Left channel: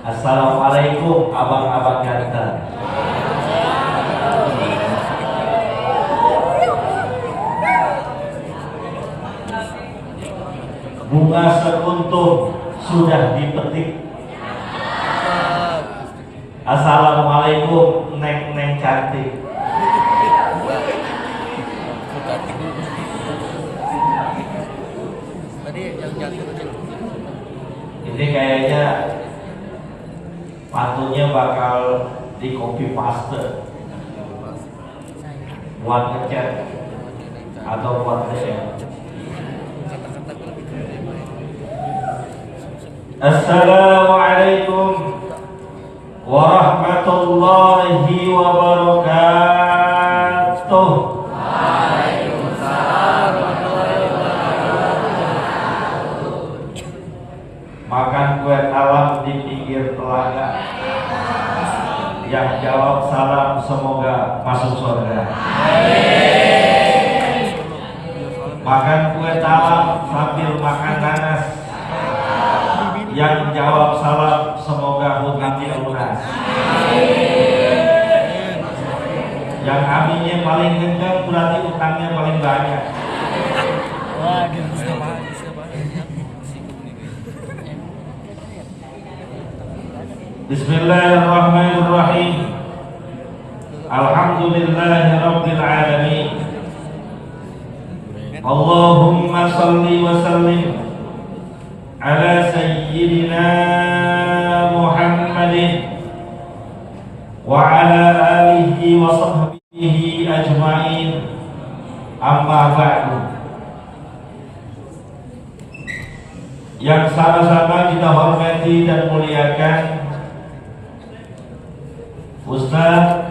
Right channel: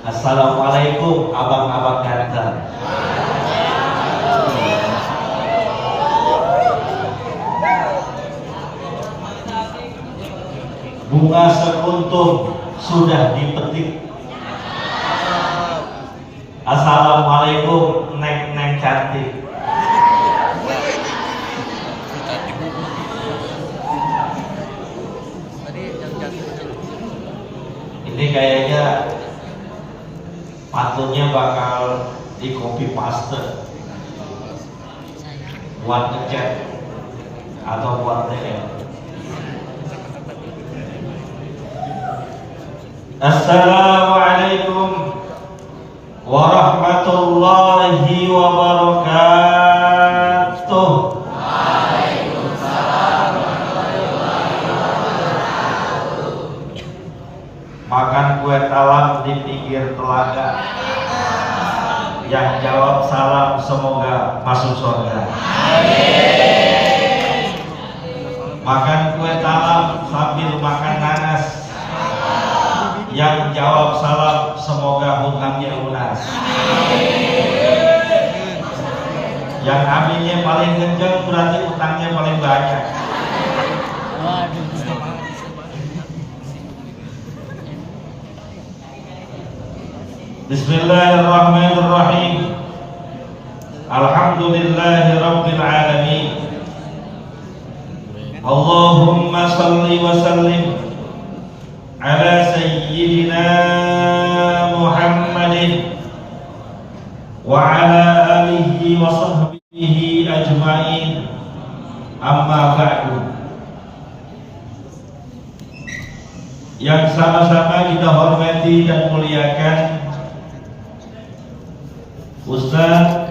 Assalamualaikum abang-abang ganteng. Bunga sekuntum sudah dipetik. Assalamualaikum neng-neng cantik. Ini kayaknya pantunnya bakal di copy paste buat ngechat atau buat DM. Assalamualaikum warahmatullahi wabarakatuh. Makan kue talam di pinggir telaga. Yang jawab salam semoga masuk surga. Makan kue talam sambil makan nanas. Yang jawab salam semoga hutangnya lunas. Yang aminnya paling kenceng berarti utangnya paling banyak. Bismillahirrahmanirrahim. Alhamdulillahi rabbil alamin. Allahumma salli wa sallim ala sayyidina Muhammadin wa ala alihi wa sahbihi ajma'in. Amma ba'du. Yang sama-sama kita hormati dan muliakan Ustaz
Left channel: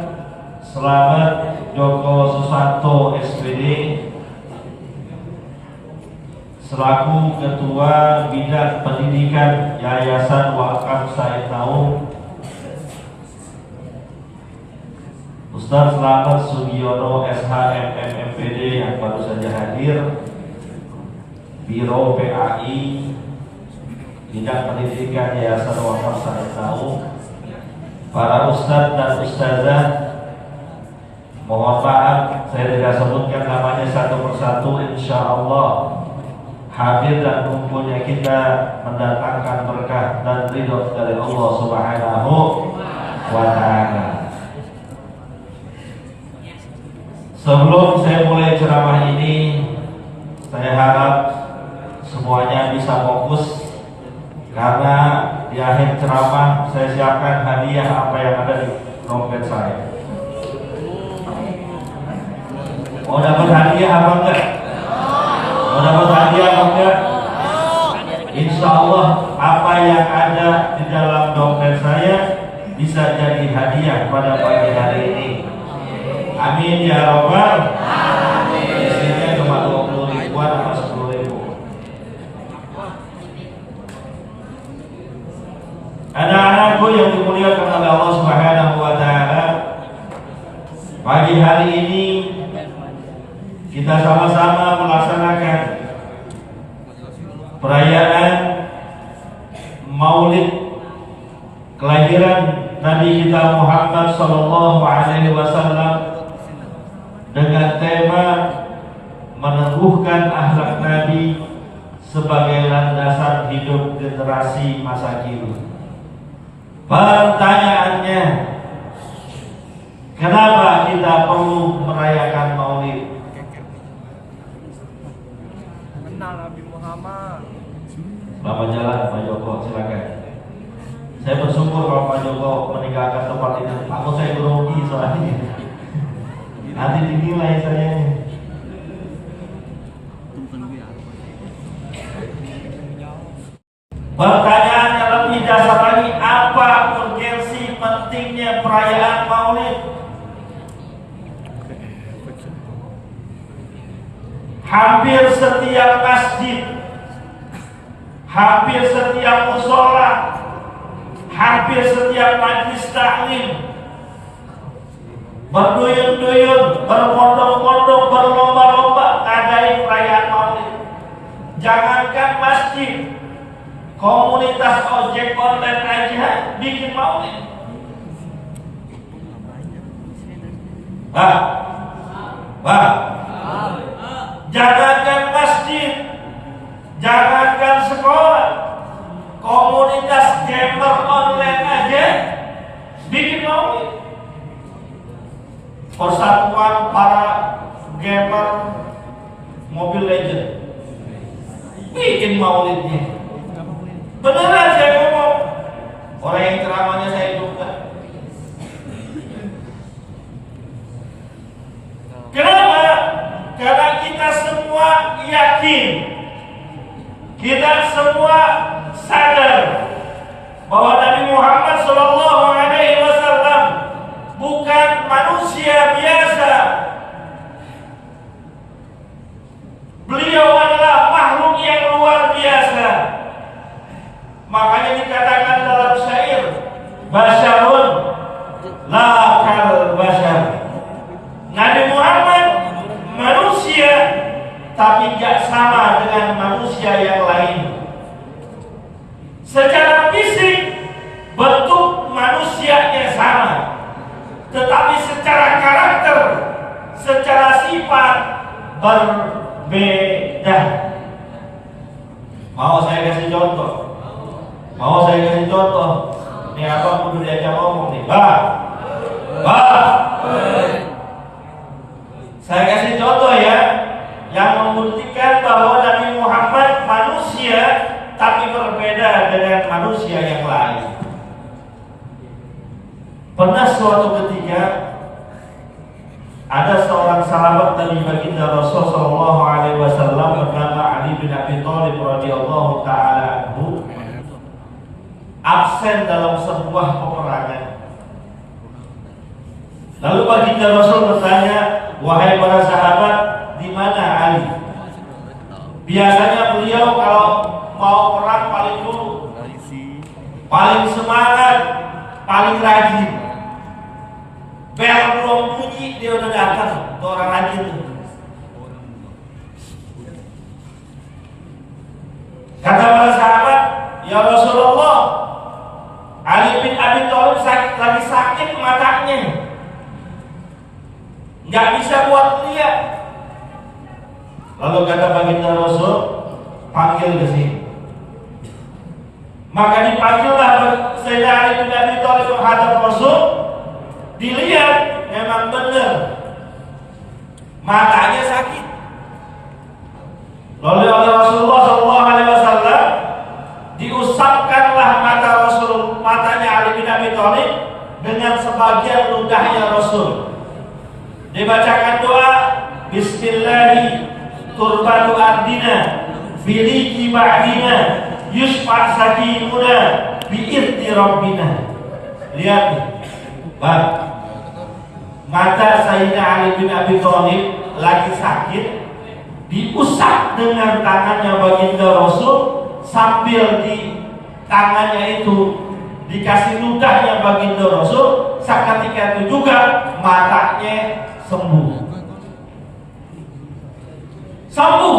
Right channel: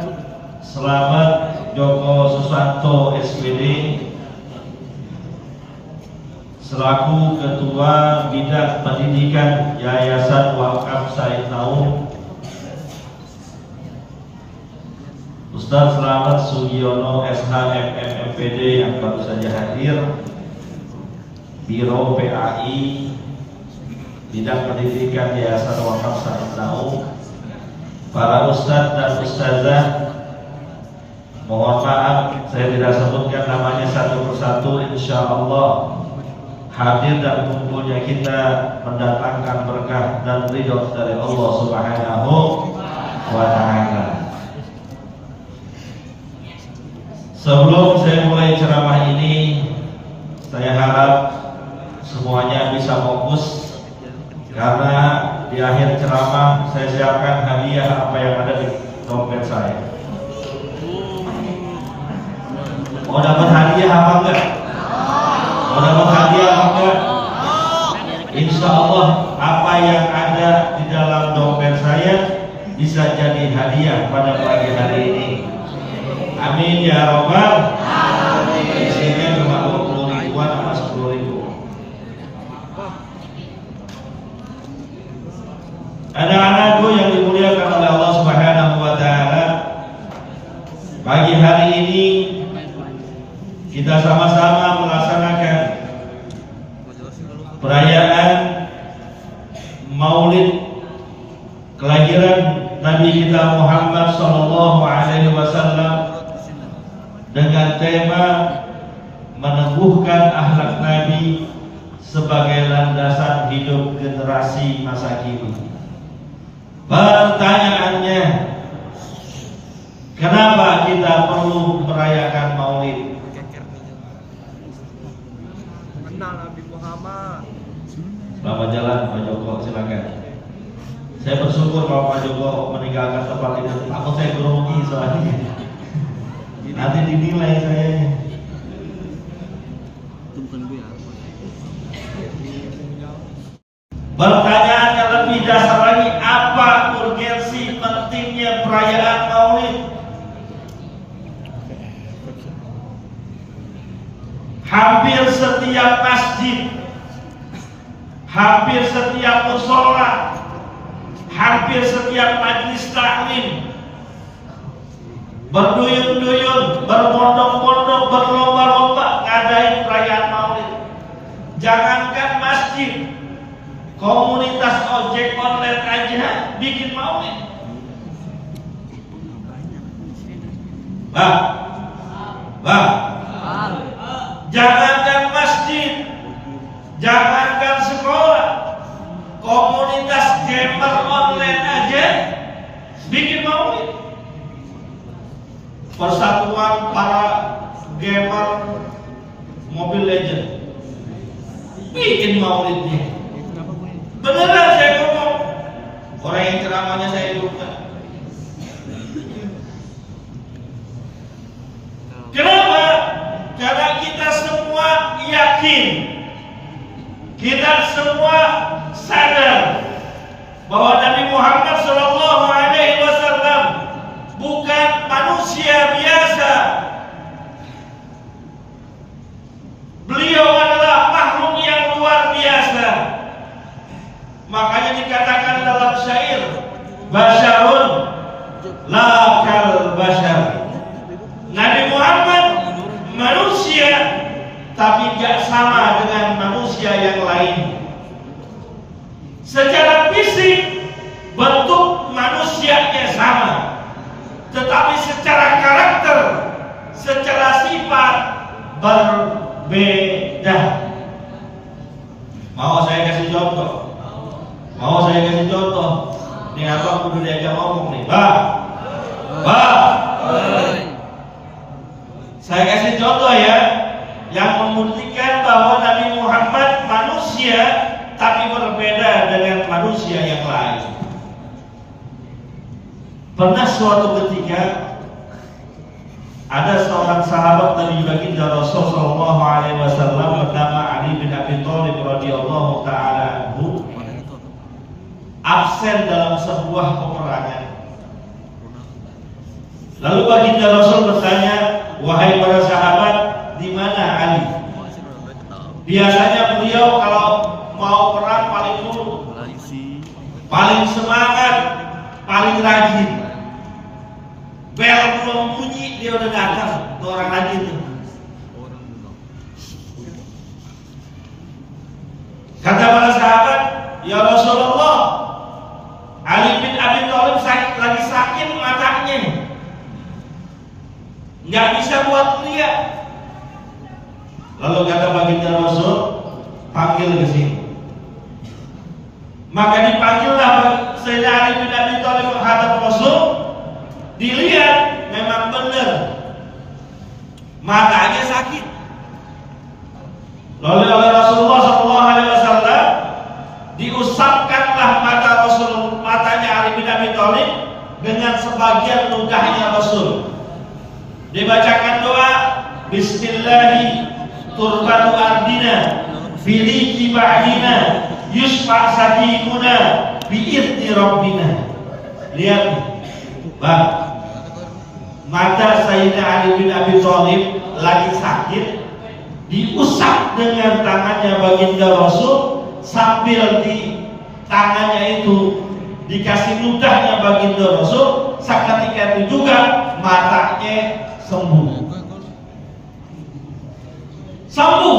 Selamat Joko Susanto SPD selaku Ketua Bidang Pendidikan Yayasan Wakaf Said Naum, Ustaz Selamat Sugiono SHMM MPD yang baru saja hadir, Biro PAI Bidang Pendidikan Yayasan Wakaf Said Naum, para ustadz dan ustazah, mohon maaf saya tidak sebutkan namanya satu persatu. Insya Allah hadir dan kumpulnya kita mendatangkan berkah dan ridho dari Allah Subhanahu wa Ta'ala. Sebelum saya mulai ceramah ini, saya harap semuanya bisa fokus, karena di akhir ceramah saya siapkan hadiah apa yang ada di dompet saya. Mau dapat hadiah apa enggak? Mau dapat hadiah apa enggak? Insya Allah apa yang ada di dalam dompet saya bisa jadi hadiah pada pagi hari ini. Amin ya robbal alamin. Isinya cuma 20 ribuan atau 10 ribu. Anak-anakku yang dimuliakan oleh Allah Subhanahu wa Ta'ala, pagi hari ini kita sama-sama melaksanakan perayaan Maulid kelahiran Nabi kita Muhammad Sallallahu Alaihi Wasallam dengan tema meneguhkan akhlak Nabi sebagai landasan hidup generasi masa kini. Pertanyaannya, kenapa kita perlu merayakan Maulid? Kenal Nabi Muhammad. Selamat jalan Pak Joko, silakan. Saya bersyukur kalau Pak Joko meninggalkan tempat ini. Takut saya grogi soalnya. Nanti dinilai saya. Pertanyaan yang lebih dasar lagi, apa urgensi pentingnya perayaan Maulid? Hampir setiap masjid, hampir setiap mushola, hampir setiap majlis taklim berduyun-duyun, berbondong-bondong, berlomba-lomba ngadain perayaan Maulid. Jangankan masjid, Komunitas ojek online aja bikin maulid. Bang, jangankan masjid, jangankan sekolah, komunitas gamer online aja bikin maulid. Persatuan para gamer Mobile Legend bikin maulidnya. Beneran saya ngomong, orang yang ceramahnya saya duga. Kenapa? Karena kita semua yakin, kita semua sadar bahwa Nabi Muhammad SAW bukan manusia biasa. Beliau adalah makhluk yang luar biasa. Makanya dikatakan dalam syair, basyarun la kal basyar. Nabi Muhammad manusia, tapi gak sama dengan manusia yang lain. Secara fisik bentuk manusianya sama, tetapi secara karakter, secara sifat berbeda. Mau saya kasih contoh? Ini apa kudu diajak ngomong nih, Saya kasih contoh ya, yang membuktikan bahwa Nabi Muhammad manusia tapi berbeda dengan manusia yang lain. Pernah suatu ketika ada seorang sahabat Nabi baginda Rasul sallallahu alaihi wasallam bernama Ali bin Abi Thalib radhiyallahu taala anhu absen dalam sebuah peperangan. Lalu baginda Rasul bertanya, "Wahai para sahabat, di mana Ali?" Biasanya beliau kalau mau perang paling dulu, paling semangat, paling rajin. Bel belum bunyi dia udah datang, tuh orang rajin tuh. Kata para sahabat, "Ya Rasulullah, Ali bin Abi Thalib lagi sakit matanya, nggak bisa buat lihat." Lalu kata baginda Rasul, "Panggil ke sini." Maka dipanggillah Sayyidina Ali bin Abi Thalib menghadap Rasul. Dilihat memang benar matanya sakit. Lalu oleh Rasulullah SAW diusapkanlah matanya Ali bin Abi Thalib dengan sebagian ludahnya Rasul. Dibacakan doa, Bismillahi turbatu ardina firiki ba'dina yusfa sakimuna bi'irti rabbina. Lihat nih, Bang, mata Sayyidina Ali bin Abi Thalib lagi sakit, diusap dengan tangannya baginda Rasul, sambil di tangannya itu dikasih ludahnya baginda Rasul. Seketika itu juga matanya sembuh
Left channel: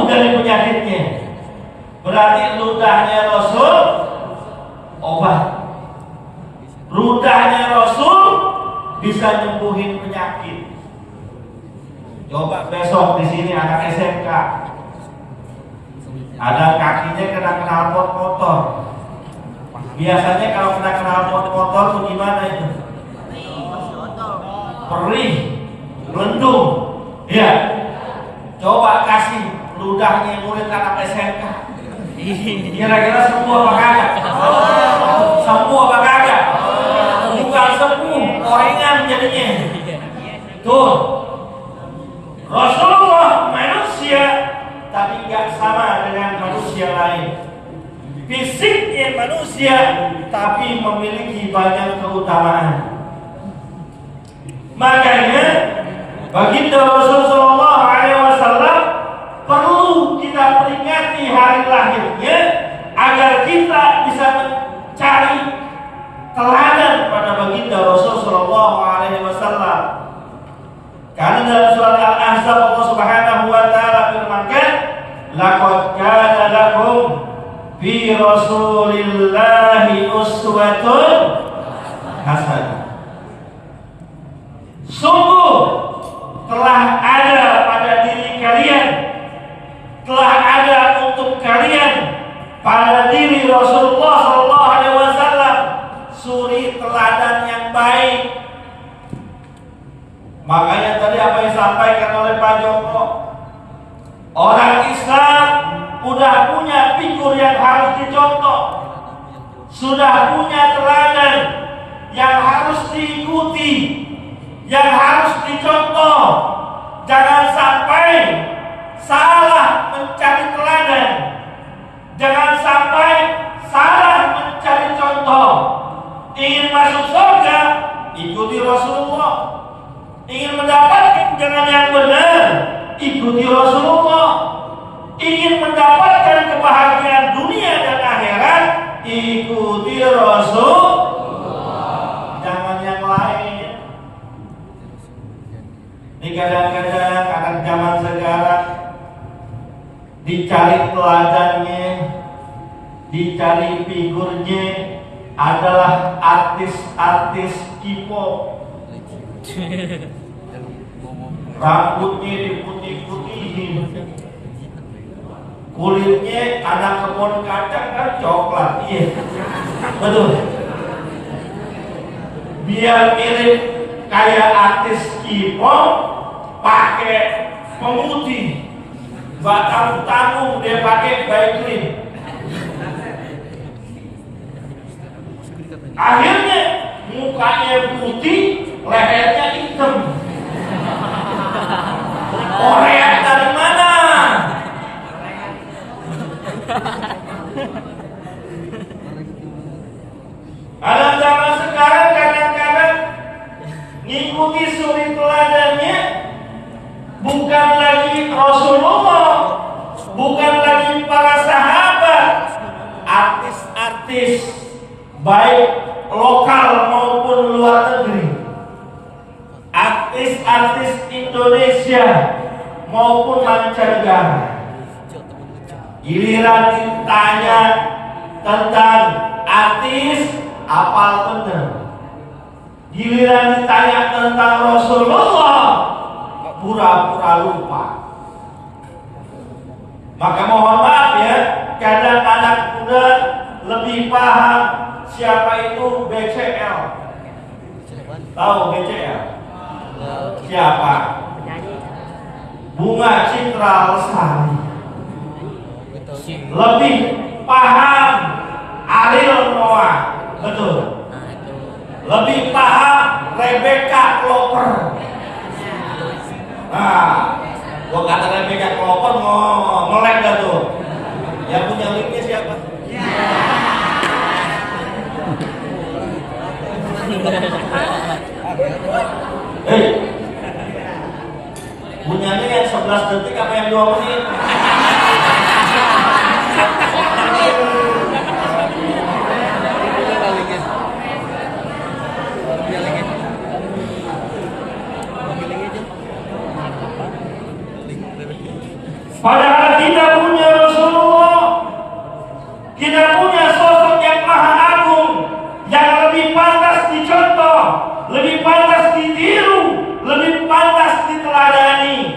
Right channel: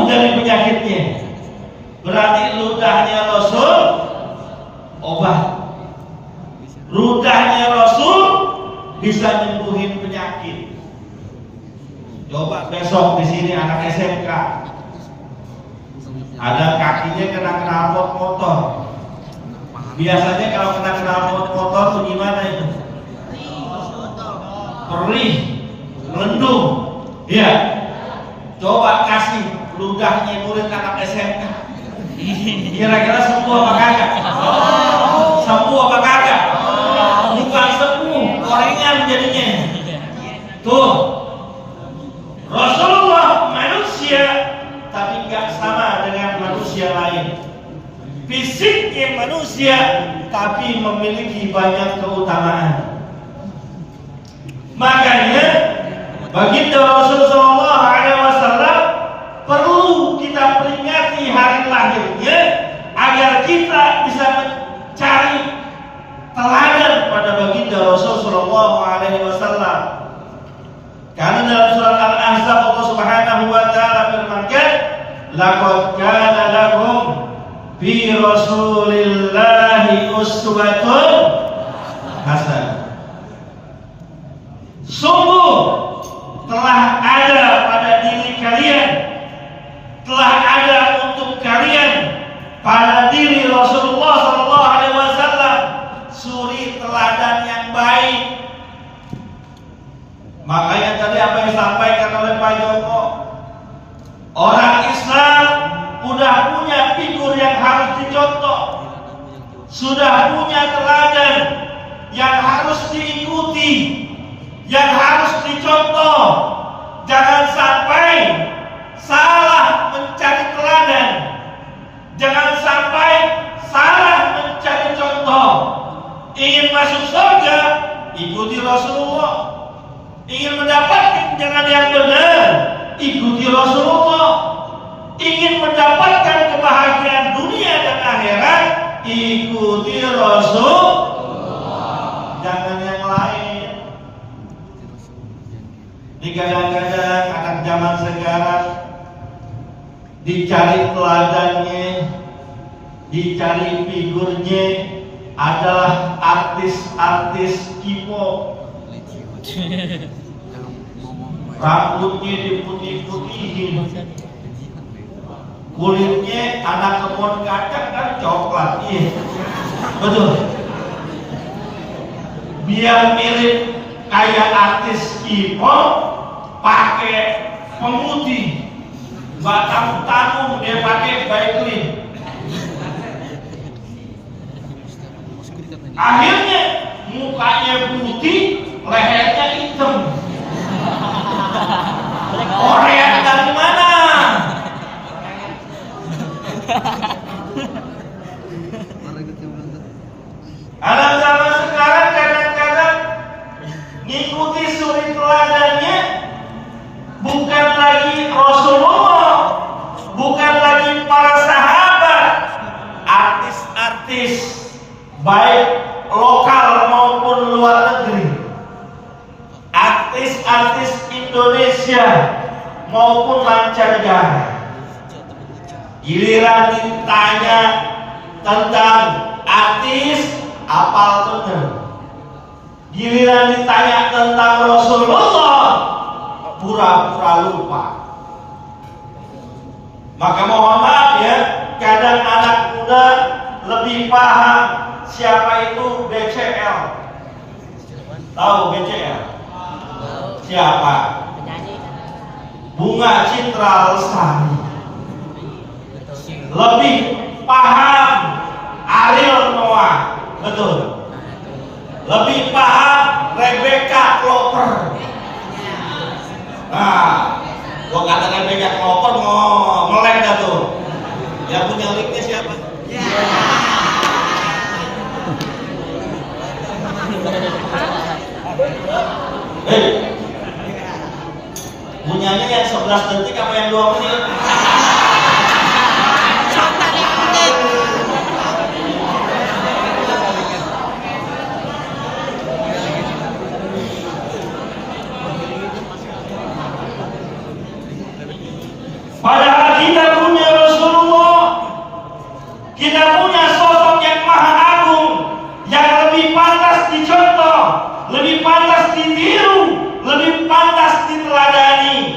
dari penyakitnya. Berarti ludahnya Rasul obat, ludahnya Rasul bisa nyembuhin penyakit. Coba besok di sini anak SMK ada kakinya kena knalpot motor. Biasanya kalau kena knalpot motor tuh gimana itu? Perih, melendung. Ya. Coba kasih ludahnya murid anak SMK. Kira-kira sembuh apa kagak? Sembuh apa kagak? Bukan sembuh, koringan jadinya. Tuh, Rasulullah manusia tapi gak sama dengan manusia lain. Fisiknya manusia tapi memiliki banyak keutamaan. Makanya baginda Rasulullah SAW perlu kita peringati hari lahirnya agar kita bisa mencari teladan pada baginda Rasulullah SAW. Karena dalam surat Al-Ahzab Allah Subhanahu wa taala firmankan, "Laqad kana lakum fi Rasulillahi uswatun hasanah. Sungguh telah ada pada diri kalian, telah ada untuk kalian pada diri Rasulullah SAW suri teladan yang baik. Makanya tadi apa yang disampaikan oleh Pak Joko, orang Islam udah punya figur yang harus dicontoh, sudah punya teladan yang harus diikuti, yang harus dicontoh. Jangan sampai salah mencari teladan, jangan sampai salah mencari contoh. Ingin masuk surga, ikuti Rasulullah. Ingin mendapatkan jalan yang benar, ikuti Rasulullah. Ingin mendapatkan kebahagiaan dunia dan akhirat, ikuti Rasulullah. Jangan yang lain. Ini kadang-kadang anak zaman sekarang dicari teladannya, dicari figurnya adalah artis-artis K-pop. Rambutnya diputih-putihin, kulitnya anak kebun kacang kan coklat, iya, betul. Biar mirip kayak artis K-pop, pakai pemutih, batang tanung dia pakai Vaseline. Akhirnya mukanya putih, lehernya hitam. Korea dari mana? Anak zaman sekarang kadang-kadang ngikuti suri teladannya bukan lagi Rasulullah, bukan lagi para sahabat, artis-artis baik lokal maupun luar negeri, artis-artis Indonesia maupun mancanegara. Giliran ditanya tentang artis, apal bener. Giliran ditanya tentang Rasulullah, pura-pura lupa. Maka mohon maaf ya, kadang anak muda lebih paham siapa itu BCL. Tahu BCL? Siapa? Bunga Citra Lestari. Lebih paham Ariel Noah, betul. Lebih paham Rebecca Clover. Nah, gua kata Rebecca Clover mau melek dah tuh. Yang punya linknya siapa? Punyanya yang 11 detik apa yang 2 menit? Padahal kita punya Rasulullah, kita punya sosok yang maha agung, yang lebih pantas dicontoh, lebih pantas ditiru, lebih pantas diteladani.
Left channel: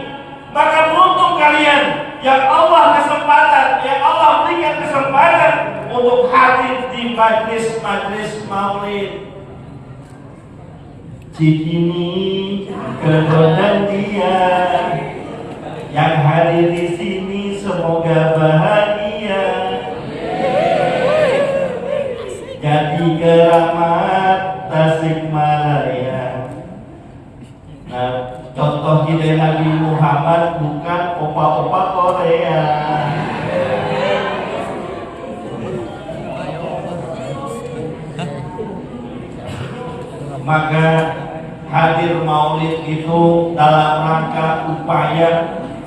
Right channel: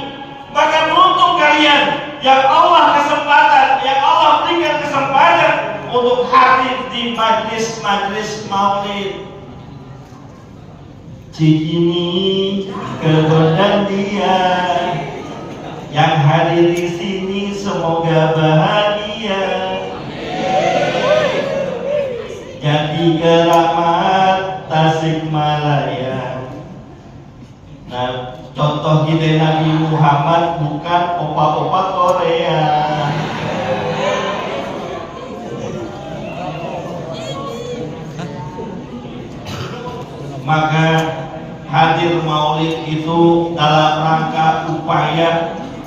Maka beruntung kalian yang Allah berikan kesempatan untuk hadir di majlis-majlis maulid. Cikini kebenaran dia yang hadir di sini semoga bahagia, jadi keramat Tasikmalaya. Nah, contoh kita Nabi Muhammad bukan opa-opa Korea. Maka hadir maulid itu dalam rangka upaya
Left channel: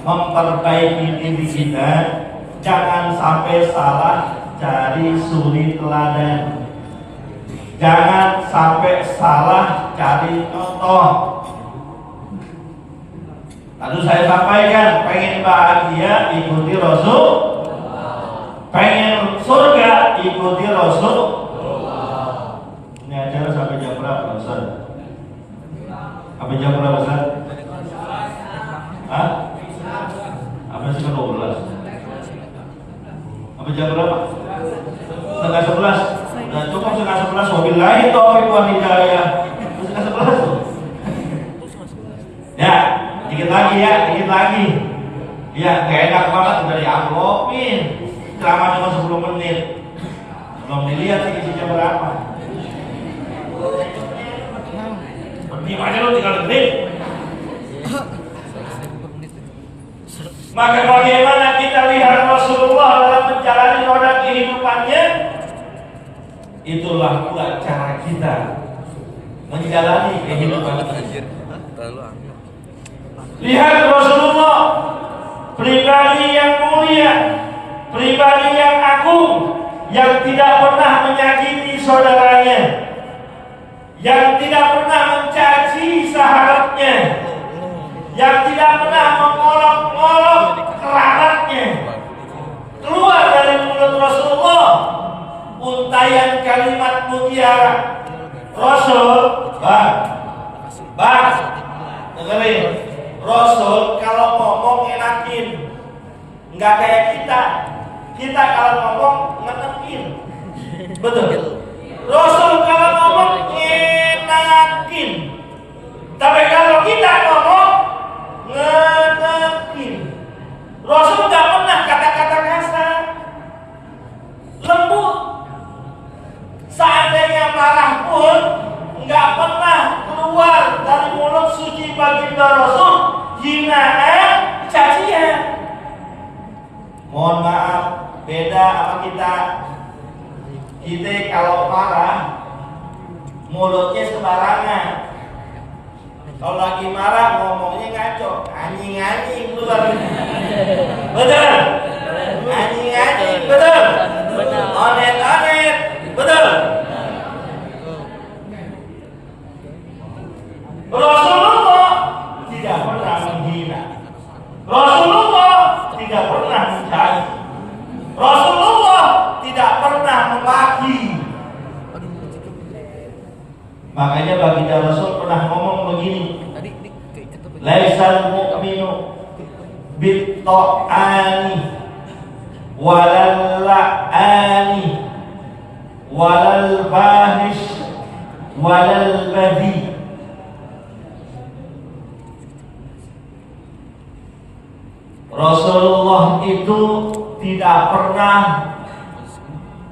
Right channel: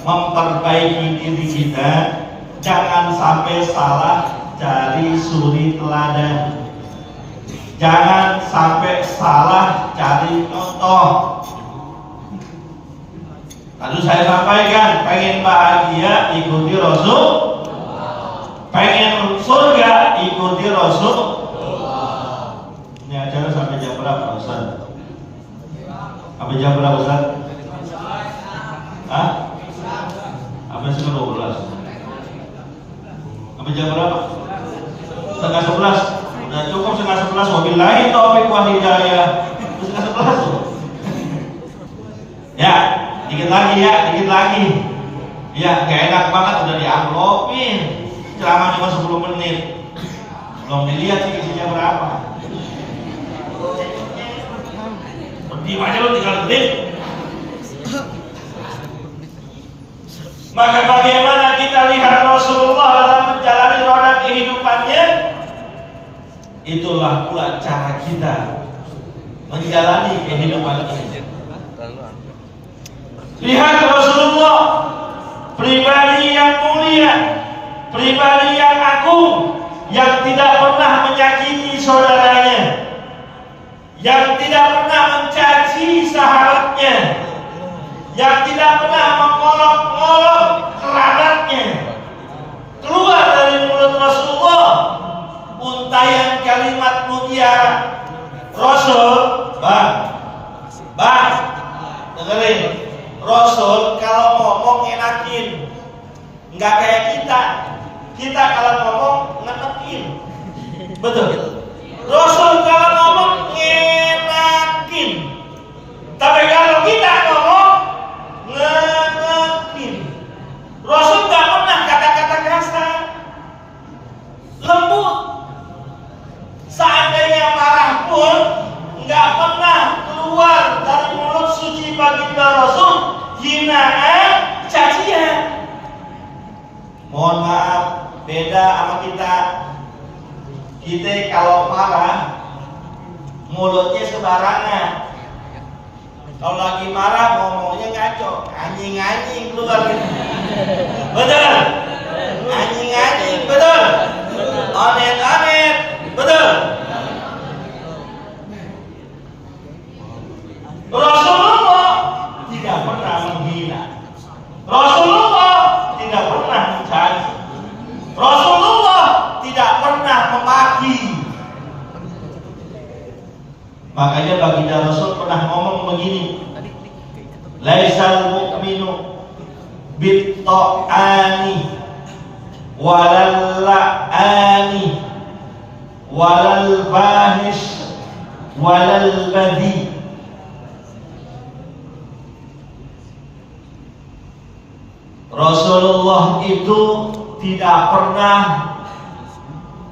memperbaiki diri kita. Jangan sampai salah cari suri teladan, jangan sampai salah cari contoh. Lalu saya sampaikan, pengen bahagia ikuti Rasul, pengen surga ikuti Rasul. Ini acara sampai jam berapa Ustaz? Sampai jam berapa Ustaz? Hah? Sampai setengah 12. Sampai jam berapa? Setengah 11. Dan cukup setengah 11. Wabillahi taufiq wal hidayah. Setengah 11. Ya, dikit lagi ya, dikit lagi. Ya, gak enak banget udah diamplopin. Ceramah cuma 10 menit. Belum dilihat sih isinya berapa. Diam aja lu tinggal detik. Maka bagaimana kita lihat Rasulullah dalam menjalani roda kehidupannya, itulah pula cara kita menjalani kehidupan kita. Lihat Rasulullah, pribadi yang mulia, pribadi yang agung, yang tidak pernah menyakiti saudaranya, yang tidak pernah mencaci sahabatnya, yang tidak pernah mengolok-olok kerabatnya. Keluar dari mulut Rasulullah untayan kalimat mutiara. Rasul, bang, dengerin. Rasul kalau ngomong enakin, nggak kayak kita. Kita kalau ngomong ngenekin, betul. Rasul kalau ngomong ngenakin, tapi kalau kita ngomong ngenekin. Rasul nggak pernah kata-kata kasar, lembut. Seandainya marah pun nggak pernah keluar dari mulut suci baginda Rasul hinaan, cacian. Mohon maaf, beda sama kita. Kita kalau marah mulutnya sembarangan. Kalau lagi marah ngomongnya ngaco, anjing-anjing keluar. Betul? Anjing-anjing, betul? Onet-onet, betul? Rasulullah tidak pernah menghina. Rasulullah tidak pernah mencaci. Rasulullah tidak pernah memaki. Makanya baginda Rasul pernah ngomong begini, laisal mu'minu bit-ta'ani walal la'ani walal bahish walal badi. Rasulullah itu tidak pernah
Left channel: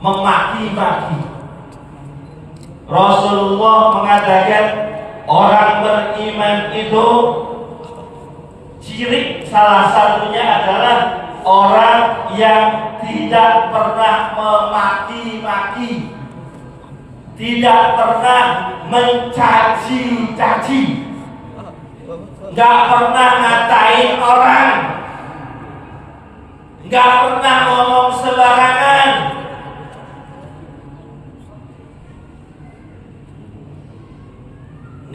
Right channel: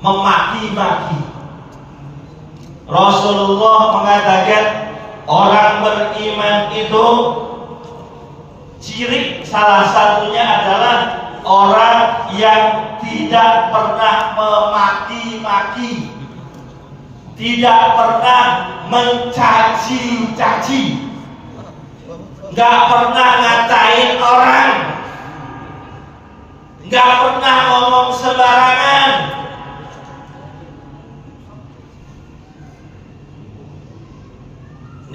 memaki-maki. Rasulullah mengatakan orang beriman itu ciri salah satunya adalah orang yang tidak pernah memaki-maki, tidak pernah mencaci-caci, nggak pernah ngatain orang, nggak pernah ngomong sembarangan.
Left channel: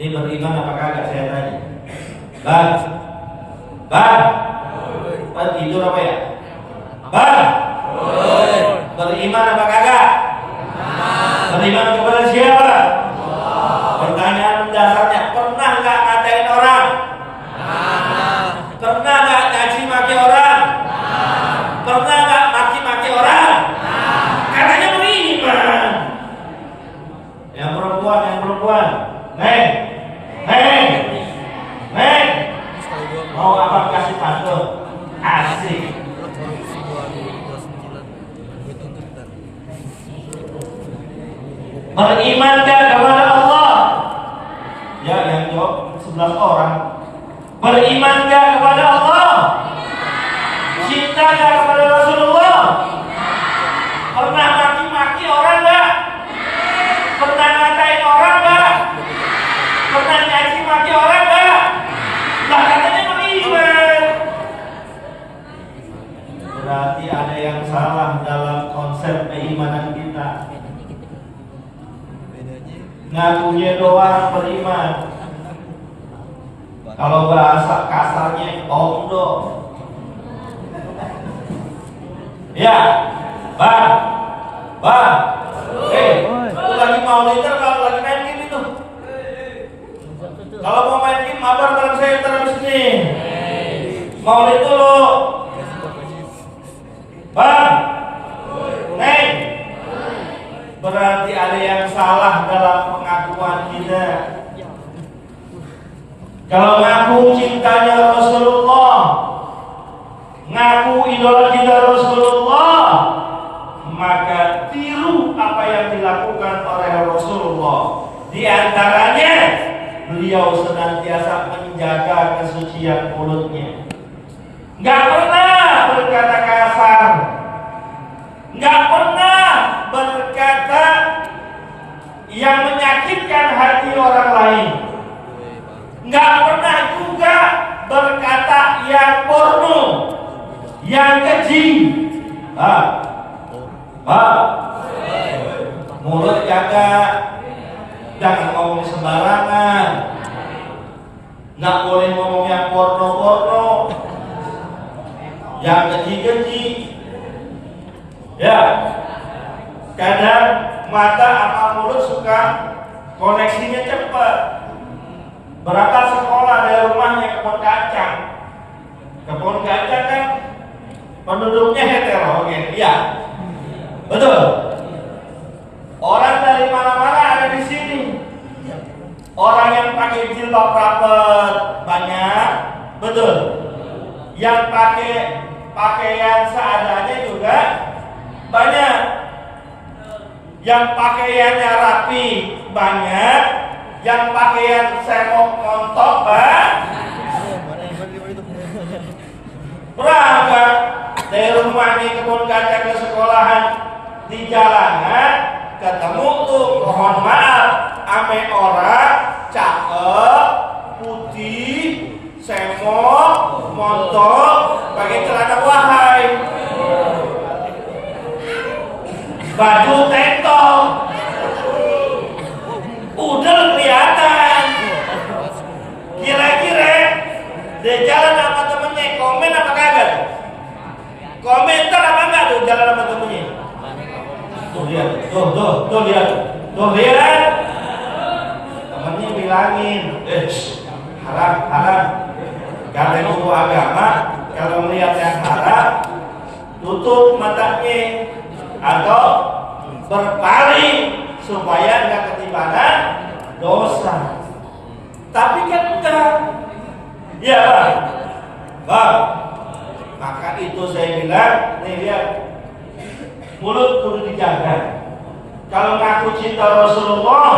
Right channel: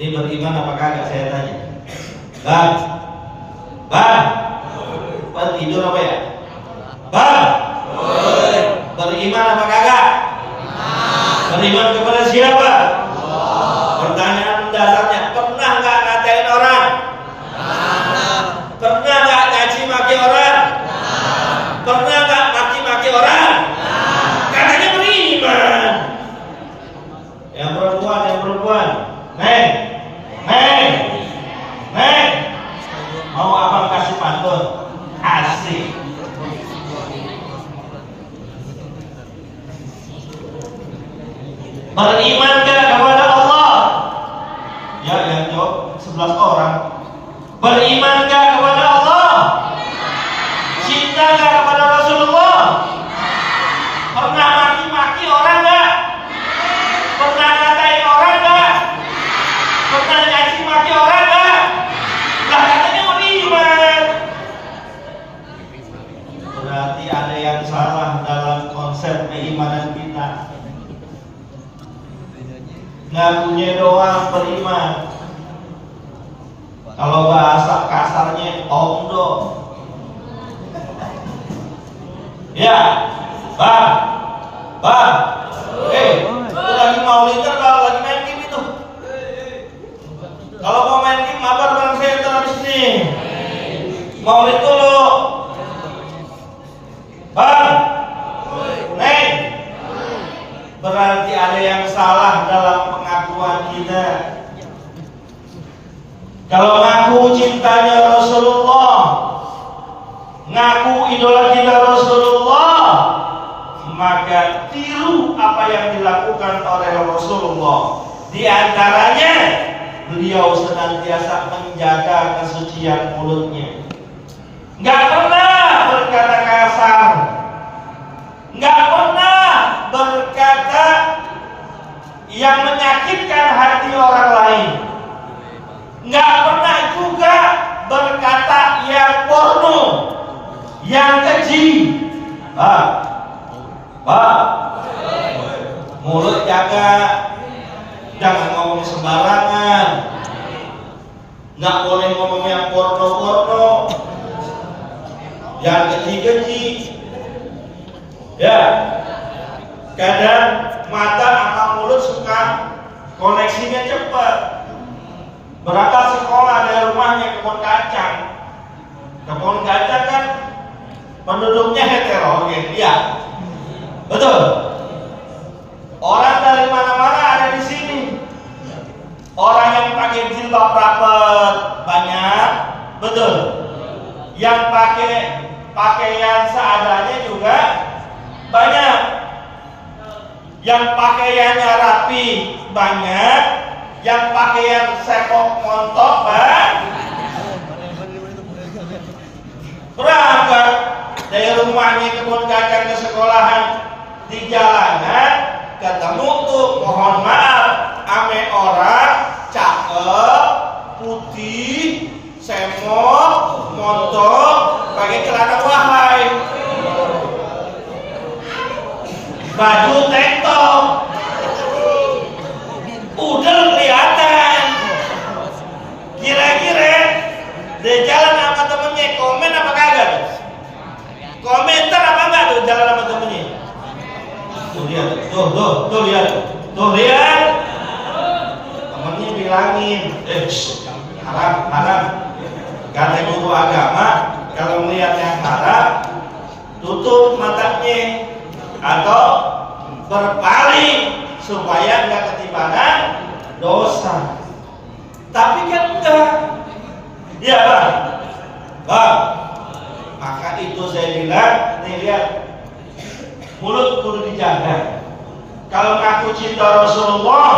Ini beriman apa kagak saya tanya? Bang, tidur apa ya? Bang, beriman apa kagak? Beriman kepada siapa? Pertanyaan mendasarnya, pernah nggak ngatain orang? Pernah nggak caci maki orang? Pernah nggak maki-maki orang? Katanya beriman. Yang perempuan, Neng, mau abang kasih pantun? Asik. Beriman gak kepada Allah? Ya, yang jawab 11 orang. Beriman gak kepada Allah? Cinta gak kepada Rasulullah? Pernah maki-maki orang gak? Pernah ngatain orang gak? Pernah nyaci maki orang gak? Gak, katanya beriman. Berarti ada yang salah dalam konsep keimanan kita. Ngakunya doang beriman. Kalau bahasa kasarnya omdo. Ya, bang, Bang, itu lagi maulidan kalau lagi main game itu? Kalau mau main game, mabar bareng saya ntar habis ini. Maulid dulu. Bang, Neng, berarti ada yang salah dalam pengakuan kita. Kalau ngaku cintanya Rasulullah, ngaku idola kita Rasulullah, maka tiru apa yang dilakukan oleh Rasulullah. Di antaranya, beliau senantiasa menjaga kesucian mulutnya. Nggak pernah berkata kasar, nggak pernah berkata yang menyakitkan hati orang lain, nggak pernah juga berkata yang porno, yang keji. Mulut jaga, jangan ngomong sembarangan, nggak boleh ngomong yang porno, yang keji-keji. Ya, kadang mata sama mulut suka koneksinya cepat. Berangkat sekolah dari rumahnya ke kebun kacang. Kebun kacang kan penduduknya heterogen, ya, betul. Orang dari mana-mana ada di sini. Orang yang pakai jilbab rapet banyak, betul. Yang pakai pakaian seadanya juga banyak. Yang pakaiannya rapi banyak. Yang pakaian sekok montok berangkat dari rumahnya kebun kacang ke sekolahan, di jalanan ketemu tuh, mohon maaf, ame orang cakep, putih, semok, montok, pakai celana wahai, baju tank top, udah kelihatan. Kira-kira dia jalan sama temennya, komen apa kagak? Komentar apa enggak tuh jalan sama temennya? Tuh lihat, tuh lihat. Temennya bilangin, haram. Karena guru agama kalau melihat yang haram, tutup matanya atau berpaling supaya nggak ketibanan dosa. Tapi kan enggak, ya bang. Maka itu saya bilang, nih lihat, mulut kudu dijaga. Kalau ngaku cinta Rasulullah,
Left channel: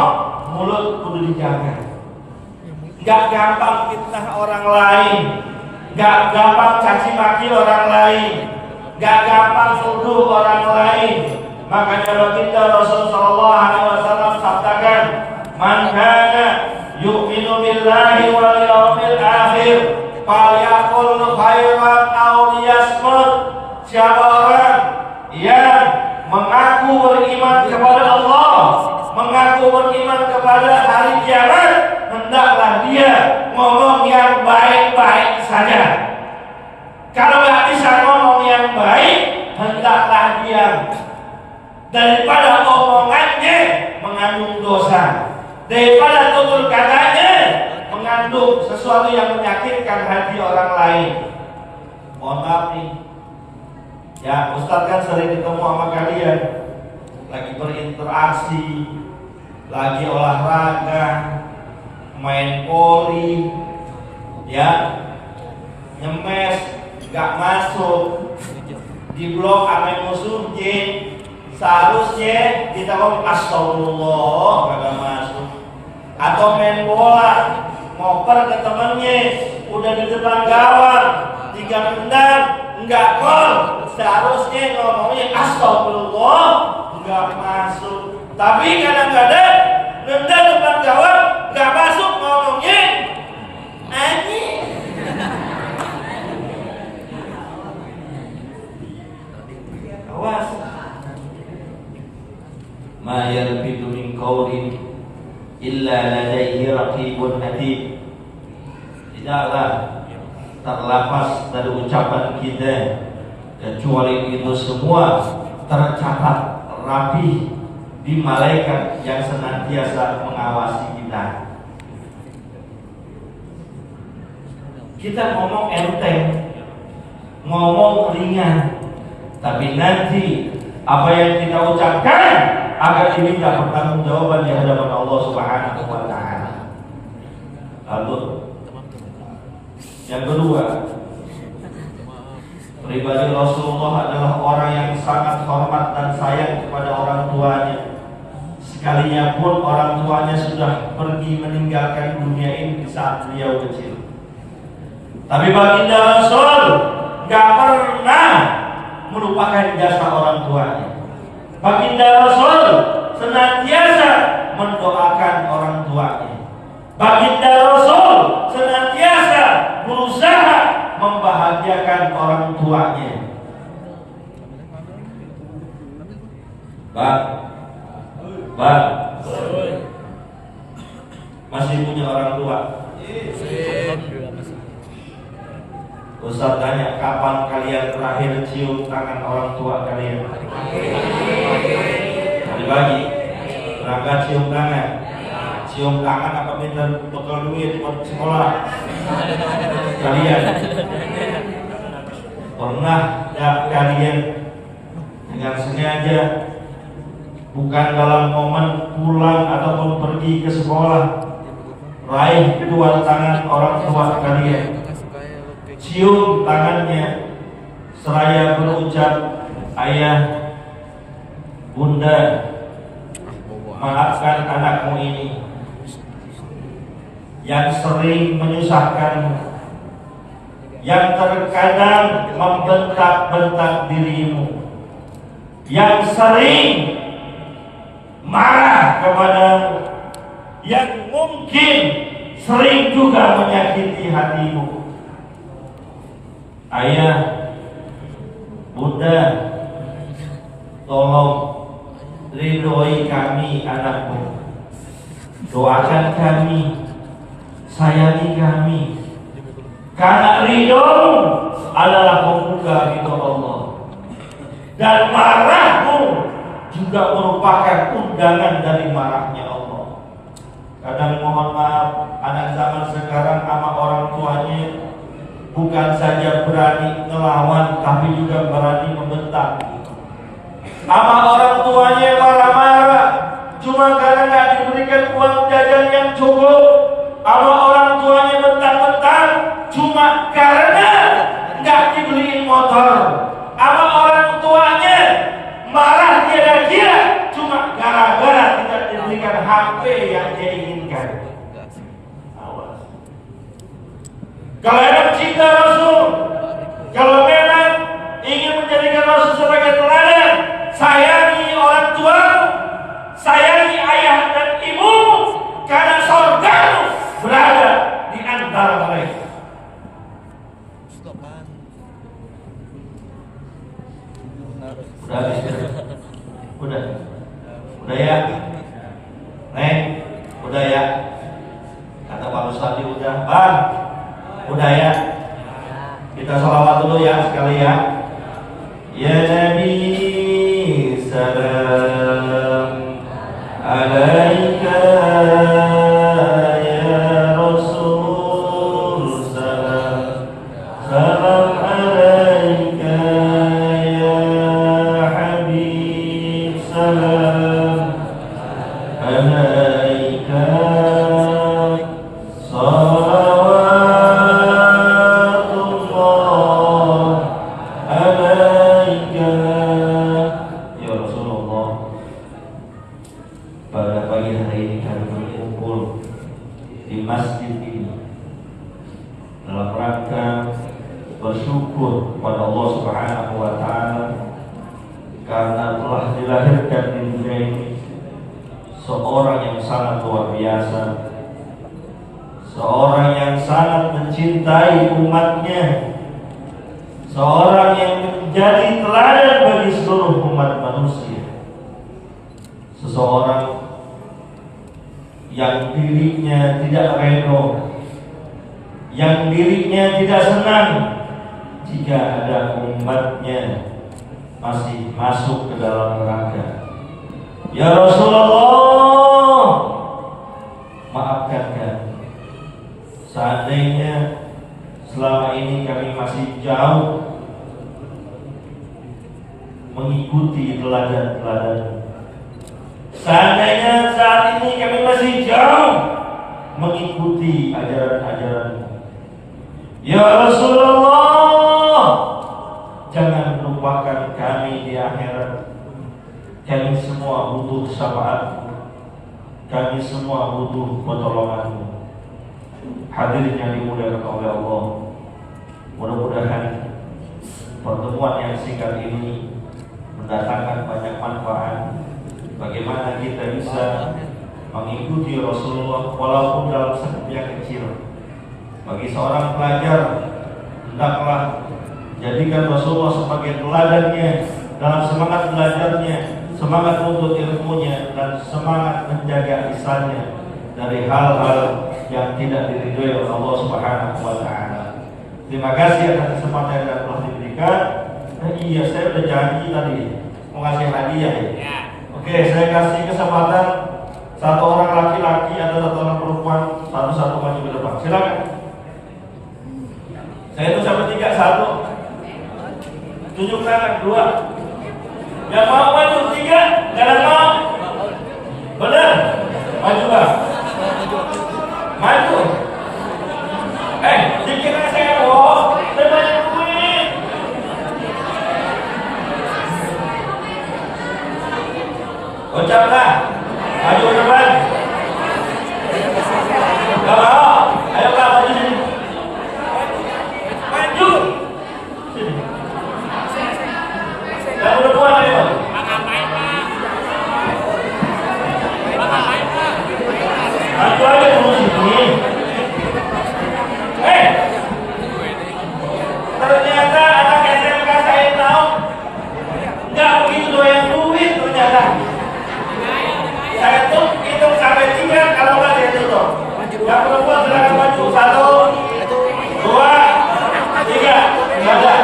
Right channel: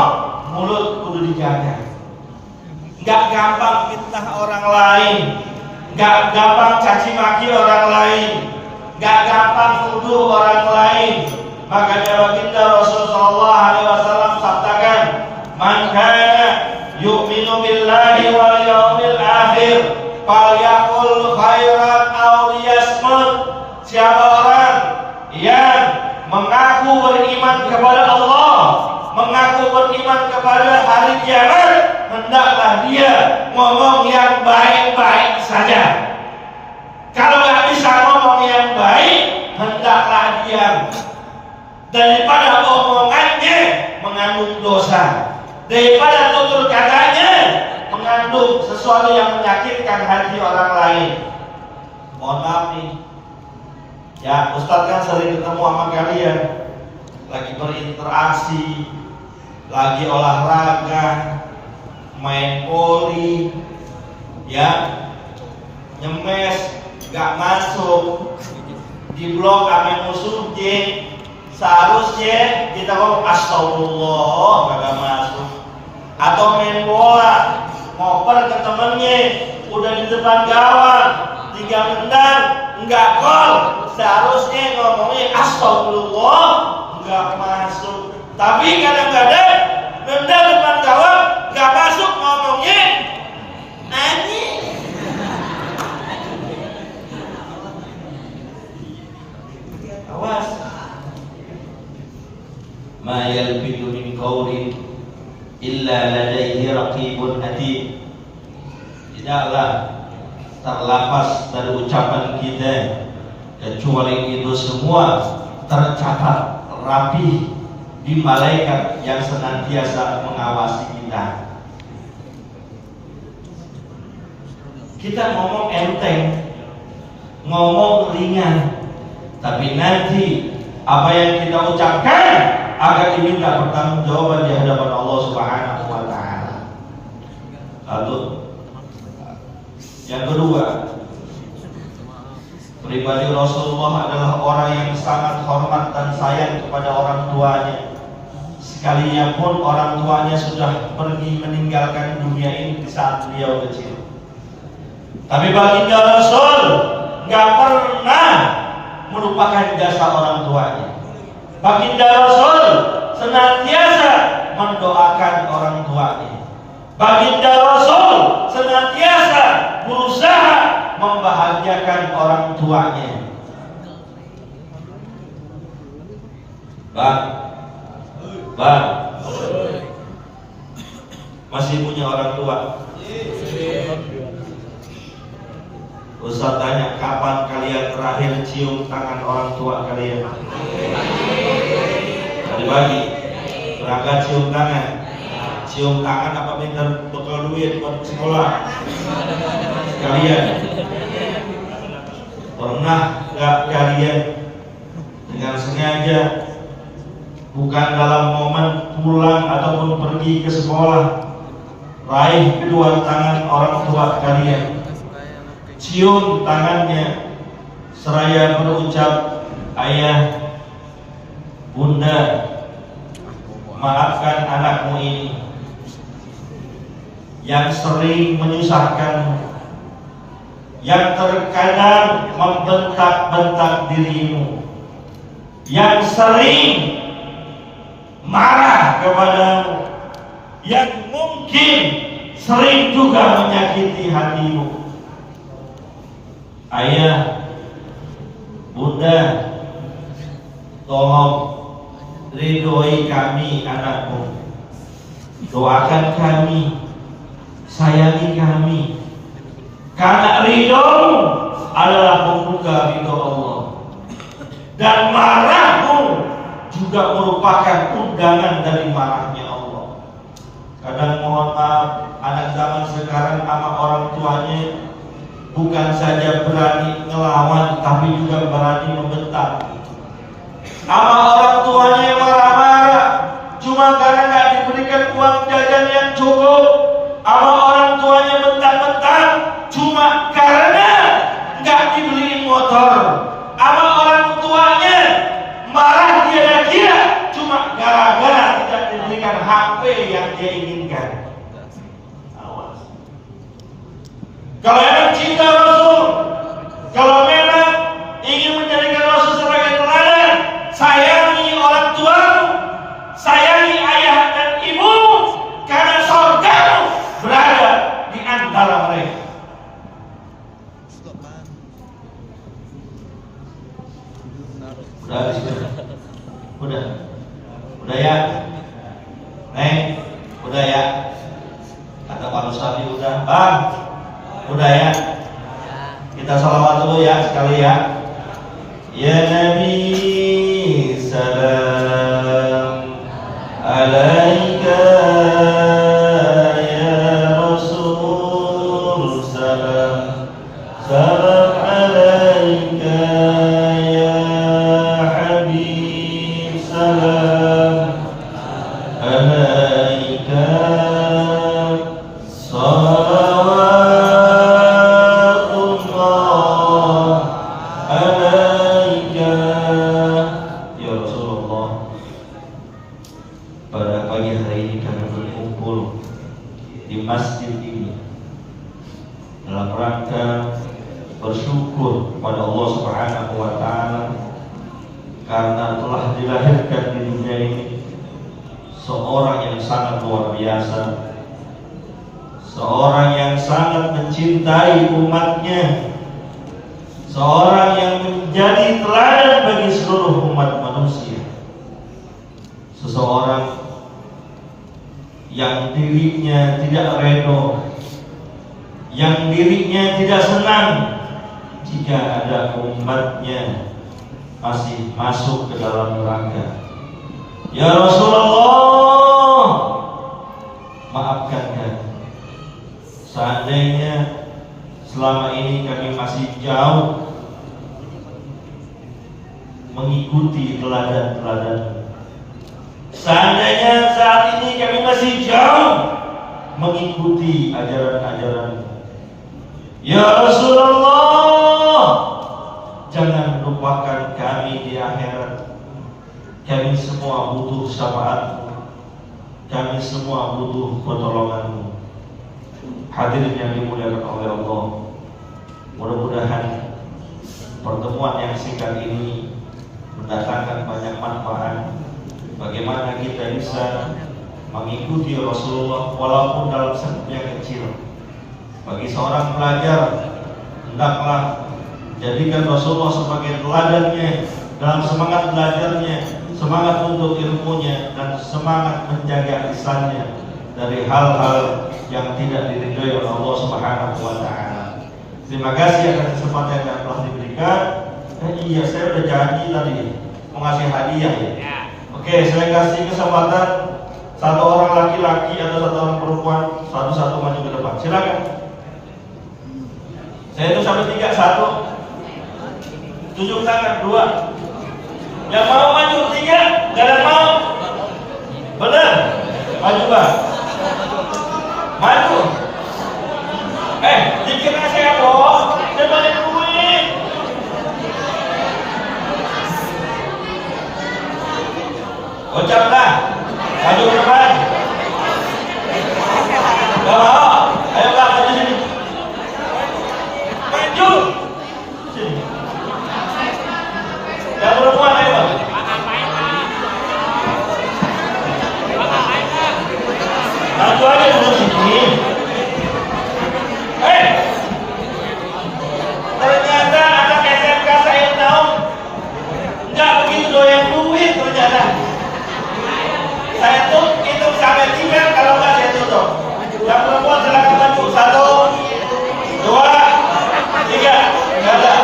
mulut kudu dijaga. Nggak gampang fitnah orang lain, nggak gampang caci maki orang lain, nggak gampang tuduh orang lain. Makanya baginda Rasulullah SAW sabdakan, man kana yu'minu billahi wal yawmil akhir falyaqul khairan aw liyasmut. Siapa orang yang mengaku beriman kepada Allah, mengaku beriman kepada hari kiamat, hendaklah dia ngomong yang baik-baik saja. Kalau nggak bisa ngomong yang baik, hendaklah diam. Daripada omongannya mengandung dosa, daripada tutur katanya mengandung sesuatu yang menyakitkan hati orang lain. Mohon maaf nih, ya Ustadz kan sering ketemu sama kalian, lagi berinteraksi, lagi olahraga, main voli, ya, nyemes, gak masuk, di blok ame musuh J. Seharusnya kita ngomong astagfirullah, gak masuk. Atau main bola, ngoper ke temennya, udah di depan gawang, 3 tendang, enggak gol. Seharusnya ngomongnya astagfirullah, enggak masuk. Tapi kadang-kadang nendang depan gawang, enggak masuk, ngomongnya anjing. Awas. Ma yalfidu min qawlin illa ladaihi raqibun atid. Tidaklah terlepas dari ucapan kita kecuali itu semua tercatat rapi di malaikat yang senantiasa mengawasi kita. Kita ngomong enteng, ngomong ringan, tapi nanti apa yang kita ucapkan akan diminta pertanggungjawaban di hadapan Allah Subhanahu wa taala. Satu. Yang kedua, pribadi Rasulullah adalah orang yang sangat hormat dan sayang kepada orang tuanya. Sekalinya pun orang tuanya sudah pergi meninggalkan dunia ini di saat beliau kecil. Tapi baginda Rasul nggak pernah melupakan jasa orang tuanya. Baginda Rasul senantiasa mendoakan orang tuanya. Baginda Rasul senantiasa berusaha membahagiakan orang tuanya. Bang, masih punya orang tua? Ustaz tanya, kapan kalian terakhir cium tangan orang tua kalian? Tadi pagi. Berangkat cium tangan. Cium tangan apa minta bekal duit buat sekolah? Kalian pernah gak kalian dengan sengaja, bukan dalam momen pulang ataupun pergi ke sekolah, raih kedua tangan orang tua kalian, cium tangannya seraya berucap, ayah, bunda, maafkan anakmu ini yang sering menyusahkanmu, yang terkadang membentak-bentak dirimu, yang sering marah kepadamu, yang mungkin sering juga menyakiti hatimu. Ayah, bunda, tolong ridhoi kami anakmu, doakan kami, sayangi kami, karena ridhomu adalah membuka ridho Allah, dan marahmu juga merupakan undangan dari marahnya Allah. Kadang mohon maaf, anak zaman sekarang sama orang tuanya bukan saja berani ngelawan, tapi juga berani membentak. Sama orang tuanya marah-marah cuma karena nggak diberikan uang jajan yang cukup. Sama orang tuanya bentak-bentak cuma karena nggak dibeliin motor. Sama orang tuanya marah dia cuma gara-gara tidak diberikan HP yang dia inginkan. Awas. Kalau memang cinta Rasul, kalau memang ingin menjadikan Rasul sebagai teladan, sayangi orang tuamu, sayangi ayah dan ibumu, karena surgamu berada di antara mereka. Udah ya, Neng, udah ya. Kata Pak Ustadz udah, Bang, udah ya. Kita sholawat dulu ya sekali ya. Ya Nabi, salam alaika. Ya Rasul, salam salam alaika. Ya Habib, salam alaika. Bersyukur kepada Allah Subhanahu wa taala karena telah dilahirkan di dunia ini seorang yang sangat luar biasa, seorang yang sangat mencintai umatnya, seorang yang menjadi teladan bagi seluruh umat manusia, seseorang yang dirinya tidak redha, yang dirinya tidak senang jika ada umatnya masih masuk ke dalam neraka. Ya Rasulullah, maafkan kami. Seandainya selama ini kami masih jauh mengikuti teladan-teladan, seandainya saat ini kami masih jauh mengikuti ajaran-ajaran, ya Rasulullah, jangan lupakan kami di akhirat. Kami semua butuh syafaat-Mu, kami semua butuh pertolongan-Mu. Hadirin yang dimuliakan oleh Allah, mudah-mudahan pertemuan yang singkat ini mendatangkan banyak manfaat. Bagaimana kita bisa mengikuti Rasulullah walaupun dalam skop yang kecil. Bagi seorang pelajar, hendaklah jadikan Rasulullah sebagai teladannya dalam semangat belajarnya, semangat untuk ilmunya, dan semangat menjaga lisannya dari hal-hal yang tidak diridhoi oleh Allah Subhanahu wa taala. Terima kasih atas kesempatan yang telah diberikan. Iya, saya udah janji tadi mau ngasih hadiah ya. Oke, saya kasih kesempatan satu orang laki-laki atau satu orang perempuan, satu-satu maju ke depan. Silakan. Saya itu sampai 3, 1. Tunjuk tangan 2. Yang mau maju 3, nggak ada mau. Benar? Maju Pak. Maju. Dikira saya bohong. Saya banyak duit. Ucaplah. Maju ke depan. Gak mau. Ayo Pak, maju sini. Maju. Sini. Yang perempuan ayo. Maju aja dulu sini. Ternyata anak SMK saya tahu nggak begitu doyan duit ternyata. Saya tuh hitung sampai 3, kalau nggak saya tutup. Yang perempuan silakan maju. 1, 2, 3. Nggak ada.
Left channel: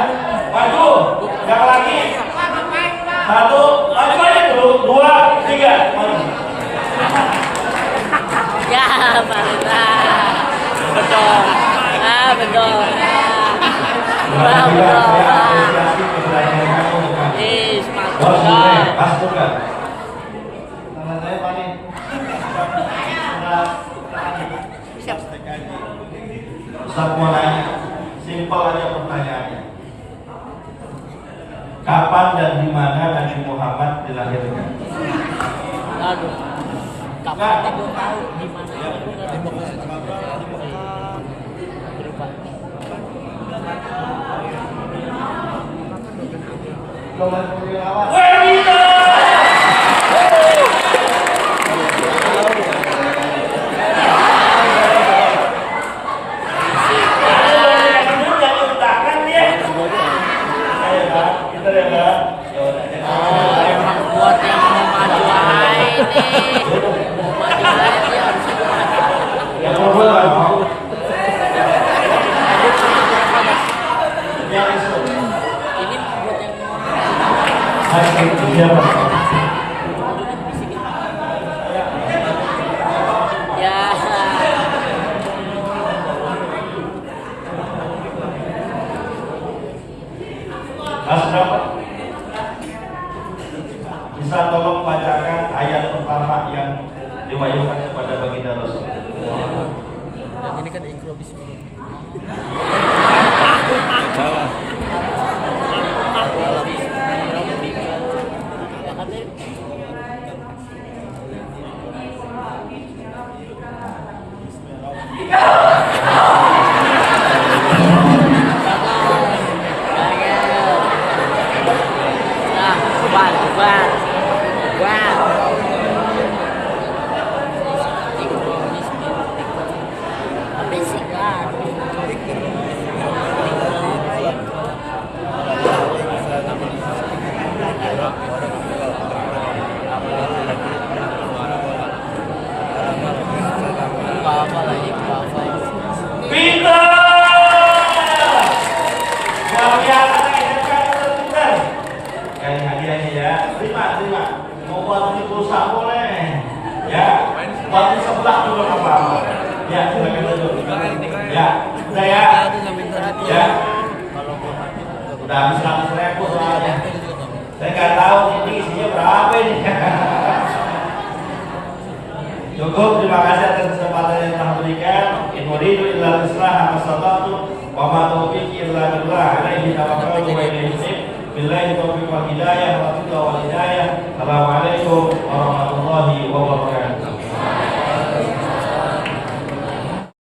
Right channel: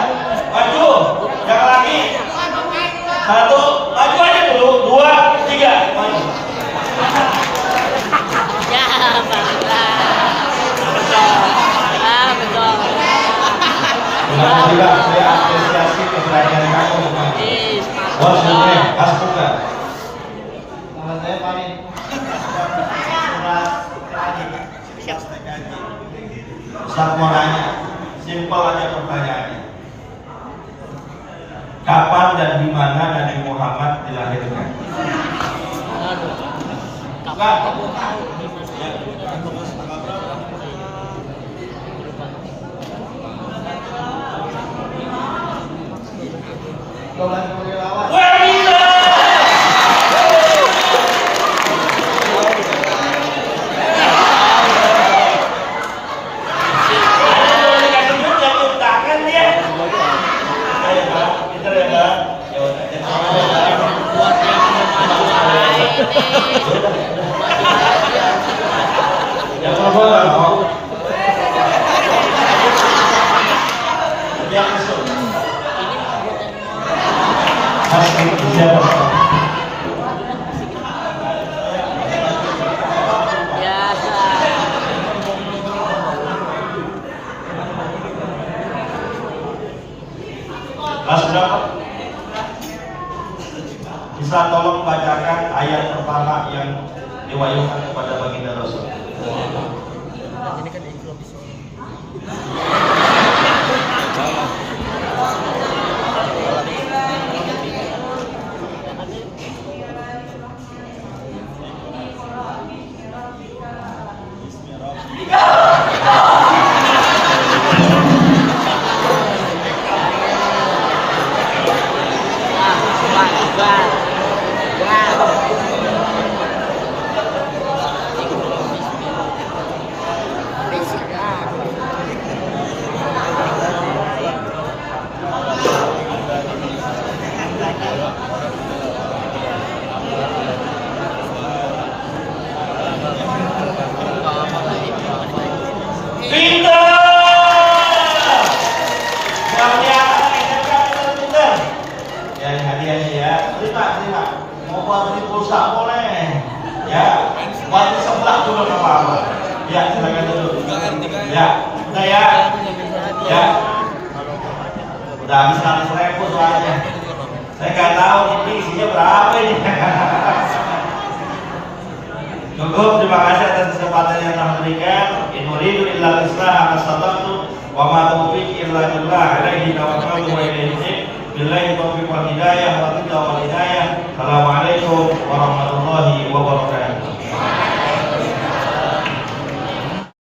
Maju. Yang laki. 1, maju aja dulu. 2, 3. Maju. Ya, betul. Betul. Terima kasih Pak, saya apresiasi keberanian kamu. Wah, sudah, astuka. Nama saya Farid. Ustaz mau nanya, simpel aja pertanyaannya. Kapan dan di mana Nabi Muhammad dilahirkan? Pak. Wanita. Bisa tolong bacakan ayat pertama yang diwahyukan kepada baginda Rasul. Ini kan intro di sini. Ya, waktu sebelah dulu Pak. Ya, silakan duduk. Ya, udah ya. Ya. Udah habis 100.000 soalnya. Saya nggak tahu ini isinya berapa ini. Cukup, terima kasih atas kesempatan yang telah berikan. In uridu illa al-islah mastata'tu wa ma taufiqi illa billah alaihi tawakkaltu wa ilaihi unib. Billahi taufiq wal hidayah wa taqwa wal hidayah. Assalamualaikum warahmatullahi wabarakatuh.